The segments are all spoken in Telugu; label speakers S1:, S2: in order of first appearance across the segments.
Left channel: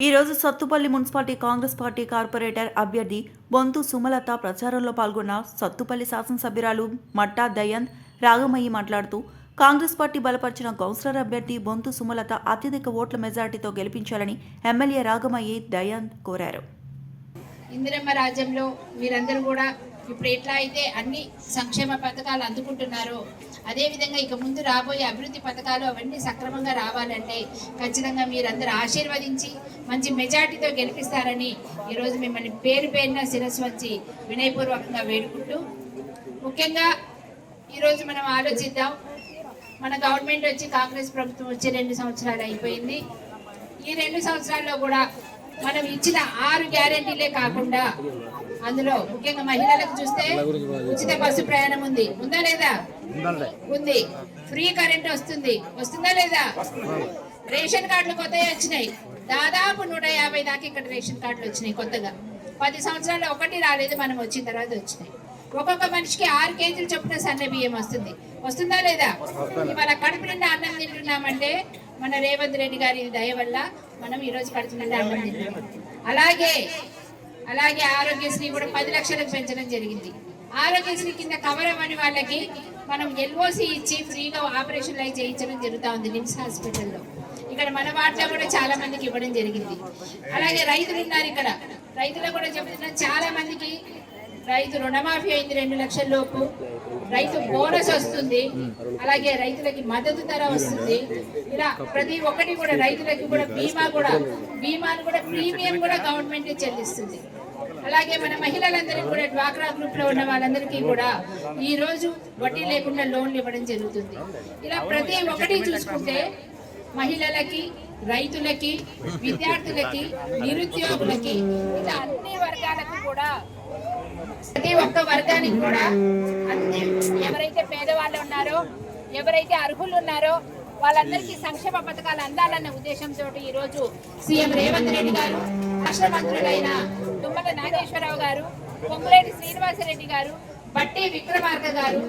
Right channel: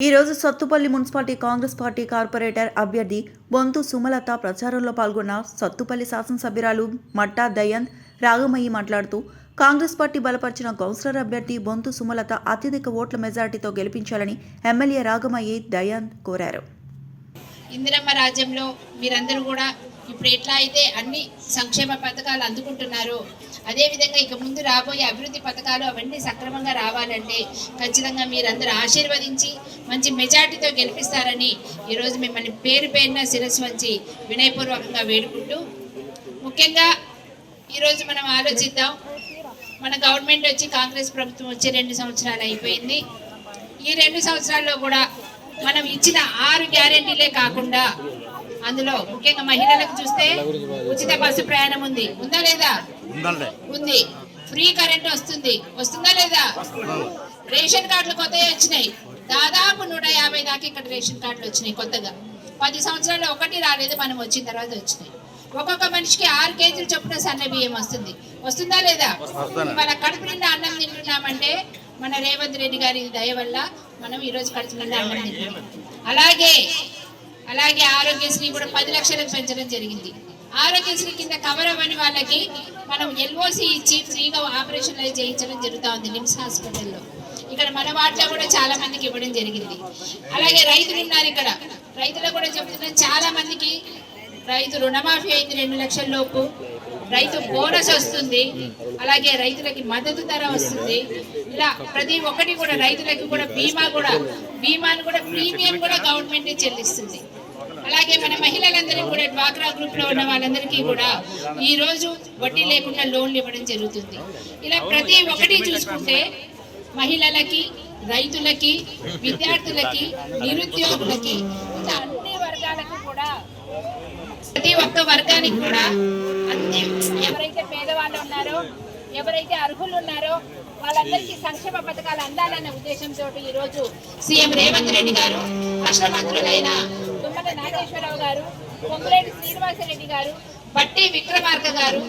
S1: ఈ రోజు Sathupalli municipality Congress party corporator అభ్యర్థి బొంతు సుమలత ప్రచారంలో పాల్గొన్న సత్తుపల్లి శాసనసభ్యురాలు మట్టా దయంత్ రాగమయ్యి మాట్లాడుతూ కాంగ్రెస్ పార్టీ బలపరిచిన కౌన్సిలర్ అభ్యర్థి బొంతు సుమలత అత్యధిక ఓట్ల మెజారిటీతో గెలిపించాలని ఎమ్మెల్యే రాగమయ్యి దయంత్ కోరారు.
S2: ఇందిరమ్మ రాజ్యంలో మీరందరూ కూడా ఇప్పుడు ఎట్లా అయితే అన్ని సంక్షేమ పథకాలు అందుకుంటున్నారో అదేవిధంగా ఇక ముందు రాబోయే అభివృద్ధి పథకాలు అవన్నీ సక్రమంగా రావాలంటే ఖచ్చితంగా మీరందరూ ఆశీర్వదించి మంచి మెజార్టీతో గెలిపిస్తారని ఈరోజు మిమ్మల్ని పేరు పేరున శిరస్సు వంచి వినయపూర్వకంగా వేడుకుంటూ ముఖ్యంగా ఈరోజు మనం ఆలోచిద్దాం. మన గవర్నమెంట్ వచ్చి కాంగ్రెస్ ప్రభుత్వం వచ్చి రెండు సంవత్సరాలు అయిపోయింది. ఈ రెండు సంవత్సరాల్లో కూడా మనం ఇచ్చిన ఆరు గ్యారెంటీలే కాకుండా అందులో ముఖ్యంగా మహిళలకు చూస్తే ఉచిత బస్సు ప్రయాణం ఉంది. ఉందా లేదా? ఉంది. ఫ్రీ కరెంట్ వస్తుంది. వస్తుందా లేదా? రేషన్ కార్డులు కొత్తవి వచ్చినాయి. దాదాపు నూట యాభై దాకా ఇక్కడ రేషన్ కార్డులు వచ్చినాయి కొత్తగా. పది సంవత్సరాలు ఒకటి రాలేదు మనం వచ్చిన తర్వాత వచ్చినాయి. ఒక్కొక్క మనిషికి ఆరు కేజీలు చొప్పున సన్న బియ్యం వస్తుంది. వస్తుందా లేదా? ఇవాళ కడుపు నిండా అన్నం తింటున్నామంటే మన రేవంత్ రెడ్డి గారి దయ వల్ల మనం ఈరోజు కడుపు నిండా అన్నం తింటున్నాం. అలాగే అలాగే ఆరోగ్యశ్రీ కూడా పది లక్షలకు పెంచడం జరిగింది. ఆరోగ్యశ్రీ కింద కవర్ అవ్వని వాళ్ళకి మనం ఎల్ఓసి ఇచ్చి ఫ్రీగా ఆపరేషన్లు అవి చేయించడం జరుగుతూ ఉంది నిమ్స్ హాస్పిటల్లో. ఇక్కడ మన వాటిలో కూడా చాలా మందికి ఇవ్వడం జరిగింది. అలాగే రైతులు ఉన్నారు ఇక్కడ. రైతులకు కూడా చెప్తున్నా చాలా మందికి రైతు రుణమాఫీ అయింది రెండు లక్షల లోపు. రైతు బోనస్ వస్తుంది. అలాగే రైతులకి మద్దతు ధర వస్తుంది. ఇలా ప్రతి ఒక్కటి కూడా రైతులకి కూడా బీమా కూడా బీమాను కూడా ప్రీమియం కూడా గవర్నమెంట్ చెల్లిస్తుంది. అలాగే మన మహిళలందరికీ కూడా డ్వాక్రా గ్రూప్లో ఉన్న వాళ్ళందరికీ కూడా ఈ రోజు వడ్డీ లేకుండా లోన్లు ఇవ్వడం జరుగుతుంది. ఇలా ప్రతి ఒక్కటి చూసుకుంటే మహిళలకి రైతులకి విద్యార్థులకి నిరుద్యోగులకి ఇలా అన్ని వర్గాలకు కూడా ప్రతి ఒక్క వర్గానికి కూడా అన్ని ఎవరైతే పేదవాళ్ళు ఉన్నారో ఎవరైతే అర్హులు ఉన్నారో వాళ్ళందరికీ సంక్షేమ పథకాలు అందాలనే ఉద్దేశంతో ఈ రోజు సీఎం రేవంత్ రెడ్డి గారు రాష్ట్ర మంత్రులైన తుమ్మల నాగేశ్వరరావు గారు పొంగులేటి శ్రీనివాసరెడ్డి గారు బట్టి విక్రమార్క గారు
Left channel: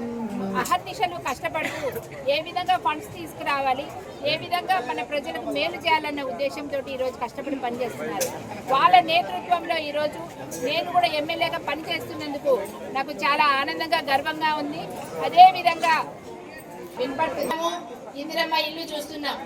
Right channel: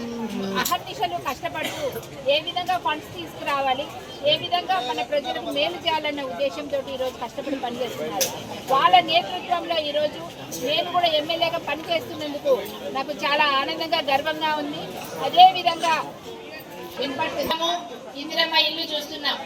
S2: అహర్నిశలు కష్టపడుతూ ఏ విధంగా ఫండ్స్ తీసుకురావాలి ఏ విధంగా మన ప్రజలకు మేలు చేయాలన్న ఉద్దేశంతో ఈరోజు కష్టపడి పనిచేస్తున్నారు. వాళ్ళ నేతృత్వంలో ఈరోజు నేను కూడా ఎమ్మెల్యేగా పనిచేస్తున్నందుకు నాకు చాలా ఆనందంగా గర్వంగా ఉంది. అదే విధంగా వినపడుతున్నాము ఇందిరమ్మ ఇల్లు చూస్తున్నాం.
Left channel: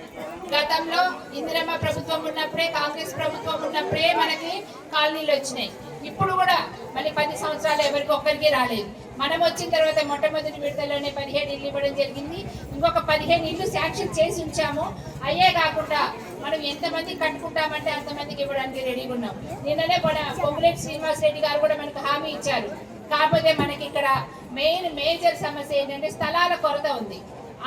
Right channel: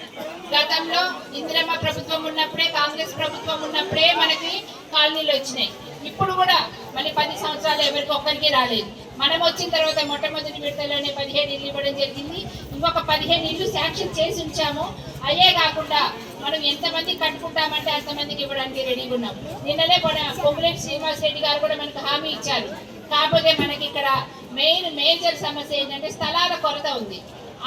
S2: గతంలో ఇందిరమ్మ ప్రభుత్వం ఉన్నప్పుడే కాంగ్రెస్ ప్రభుత్వం ఉన్నప్పుడే మనకి కాలనీలు వచ్చినాయి. ఇప్పుడు కూడా మళ్ళీ పది సంవత్సరాలు ఎవరికి ఒక్కరికి రాలేదు. మనం వచ్చిన తర్వాత మొట్టమొదటి విడతలోనే పదిహేను ఇల్లు ఇవ్వడం జరిగింది. ఇంకొక పదిహేను ఇల్లు శాంక్షన్ చేసి ఉంచాము. అయ్యే కాకుండా మనం ఎంతమంది కట్టుకుంటామంటే అంతమందికి ఇవ్వడానికి రెడీగా ఉన్నాం. నిన్ననే మన పొంగులేటి శ్రీనివాస్ రెడ్డి గారు కూడా మనకు హామీ ఇచ్చారు. కాకపోతే మనకి ఇక్కడ మెయిన్ మేజర్ సమస్య ఏంటంటే స్థలాల కొరత ఉంది.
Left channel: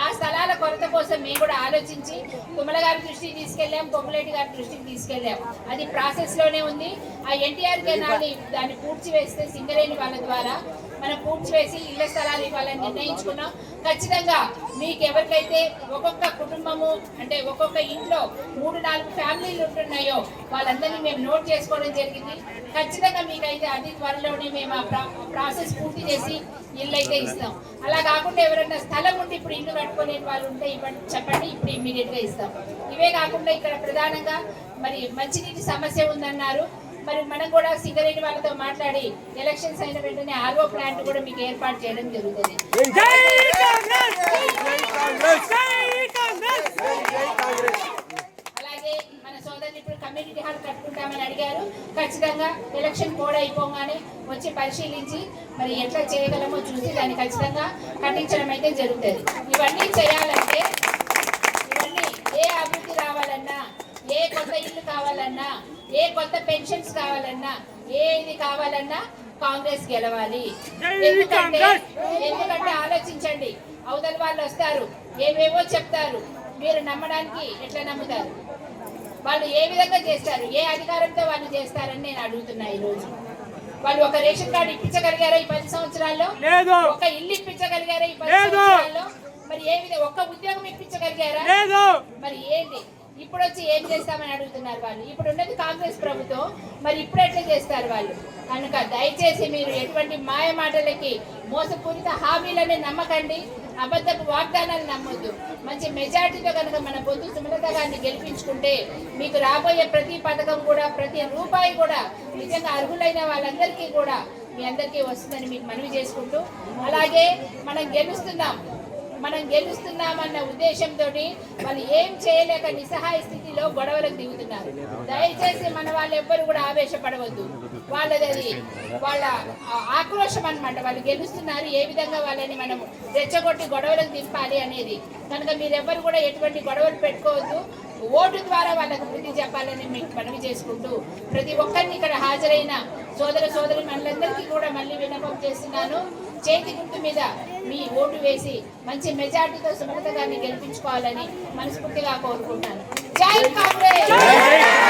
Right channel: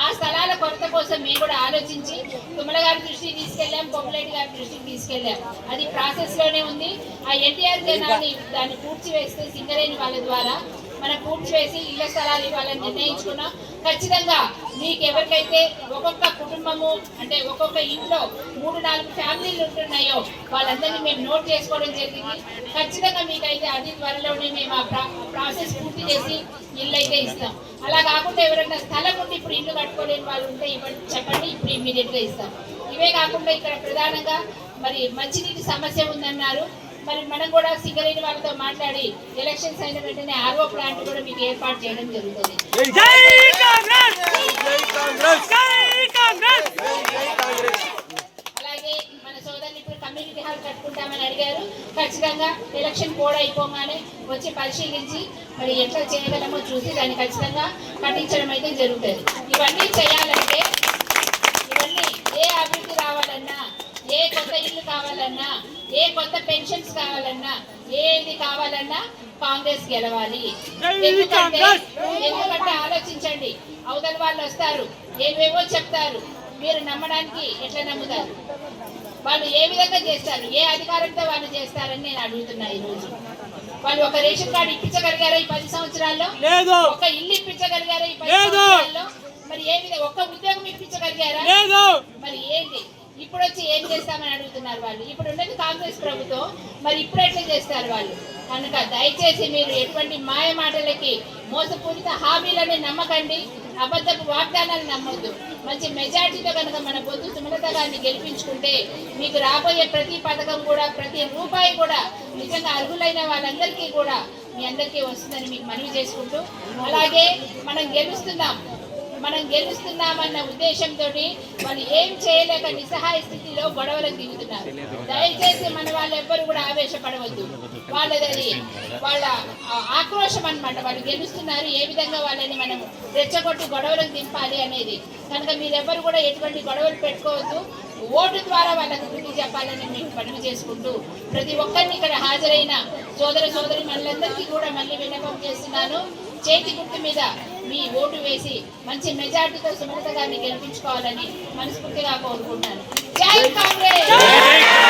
S2: ఆ స్థలాల కొరత కోసం మేము కూడా ఆలోచించి తుమ్మల గారి దృష్టికి తీసుకెళ్ళాం పొంగులేటి గారి దృష్టికి తీసుకెళ్ళాం. అది ప్రాసెస్లోనే ఉంది. ఆ ఎన్టీఆర్ కెనాల్ని దాన్ని పూడ్చి వేస్తే సింగరేణి వాళ్ళ ద్వారా మనం పూర్తి చేసి ఇళ్ళ స్థలాలు ఇవ్వాలని నిర్ణయించుకున్నాం. ఖచ్చితంగా మీకు ఎవరికైతే ఒక్కొక్క కుటుంబము అంటే ఒక్కొక్క ఇంట్లో మూడు నాలుగు ఫ్యామిలీలు ఉంటున్నాయో వాళ్ళందరినీ మేము నోట్ చేసుకోవడం జరిగింది. ఖచ్చితంగా మీకైతే అతి త్వరలోనే మేము ఆ ప్రాసెస్ పూర్తి చేసి ఇల్లు అయితే ఇస్తాం. అలా కాకుండా ఎవరైనా స్థలం ఉండి ఇప్పుడు ఇల్లు కట్టుకోలేని వాళ్ళు ఉంటే ఇవ్వండి చెప్పండి ఇప్పుడు ఇమ్మీడియట్గా ఇస్తాం. ఇవే కాకుండా ఇక్కడ ప్రధానంగా మరి మంచినీటి సమస్య ఉందన్నారు. మరి మనం కూడా సింగరేణి వాళ్ళతో మాట్లాడి ఎలక్షన్స్ అయిన వెంటనే ఆర్ఓ ప్లాంట్ కూడా మీకు ఏర్పాటు చేయడం జరుగుతుంది. అలాగే మన సోదరులు ఇప్పుడు కమ్యూనిటీ హాల్ కట్టుకుంటామని అడిగారు. ఖచ్చితంగా ఎలక్షన్ కోడ్ అయిపోగానే వచ్చి పరిశీలించి మరి ఎట్లా చేయగలమో చూసి దాన్ని ఖచ్చితంగా కట్టించడం అయితే జరుగుతుంది. ఇవన్నీ చేయాలంటే ఇవన్నీ ఏ అభివృద్ధి రావాలన్నా ఏ కొత్త ఇల్లు కావాలన్నా ఏ కొత్త పెన్షన్స్ కావాలన్నా ఏది కావాలన్నా కాంగ్రెస్ గెలవాలి. ఎందుకంటే! ఎందుకంటే ఆలోచించండి అవతల వాళ్ళు వస్తారు ఏవేవో చెప్తారు మీరు నమ్మడానికి ఎట్లా నమ్ముతారు? వాళ్ళు ఏ విధంగా చేస్తారు ఏ అధికారంతో వాళ్ళు చేస్తారని నేను అడుగుతున్నా ఈ రోజు వాళ్ళు ఒక రేషన్ కార్డు ఇప్పించగలిగారా ఈ పది సంవత్సరాల్లో?
S3: లేదు.
S2: ఒక ఇల్లు ఇప్పించగలిగారా ఈ పది. సంవత్సరాల్లో? మరి ఏ విధంగా ఒక్క ఉద్యోగం ఇప్పించగలిగారా?
S3: లేదు.
S2: మరి ఏంటి ఇప్పుడు వచ్చి ఏం చేస్తామని అడుగుతున్నారు వాళ్ళు. ఇప్పుడు ఉన్నది కాంగ్రెస్ ప్రభుత్వం. మరి ఇప్పుడు ఎట్లా చేస్తారు వాళ్ళు? కనుక దయచేసి మీరు ఎటువంటి మాయ మాటలకి మోసపూరిత హామీలని నమ్మకండి. అబద్ధపు వాగ్దానాలు నమ్మొద్దు. మంచి మెజార్టీతో కనుక మన పొద్దు సుమలత గారిని గెలిపించుకుంటే మీకు రాబోయే ప్రతి పథకం కూడా ప్రతి రూపాయి కూడా నిజంగా అర్హులైన వాళ్ళందరికీ కూడా మీ అందరికీ వస్తుందని మీకు మనవి చేసుకుంటూ అలాగే మనం గెలుస్తున్నాం. మనం గెలుస్తున్నామన్న ఉద్దేశంతో వాళ్ళు ఏం చేయలేక నిస్సహాయ స్థితిలో గొడవలకు దిగుతున్నారు. దయచేసి మన వాళ్ళు ఎవ్వరు కూడా ఆవేశపడవద్దు. వాళ్ళది అది వాళ్ళ ఆక్రోషం ఆక్రోశం వాళ్ళు గెలుస్తున్నారు ఏ విధంగా వాళ్ళని మనం రెచ్చగొట్టి గొడవలకు దింపాలి అనేది. కనుక మీరెవ్వరు కూడా ఎటువంటి గొడవలు పెట్టుకోవద్దు. ఓటు ద్వారా వాళ్ళకు బుద్ధి చెప్పాలని మీకు మనవి చేసుకుంటూ ప్రతి ఒక్కరిని ఇక్కడ హాజరైన సోదర సోదరి మనందరికీ కూడా మళ్ళీ విన్నపం చేస్తున్నాను. చేతి గుర్తు మీద మీ ఓటు వేసి మంచి మెజార్టీతో సుమలత గారిని గెలిపించుకోవాలని మనస్ఫూర్తిగా కోరుకుంటున్నాను. జై కాంగ్రెస్!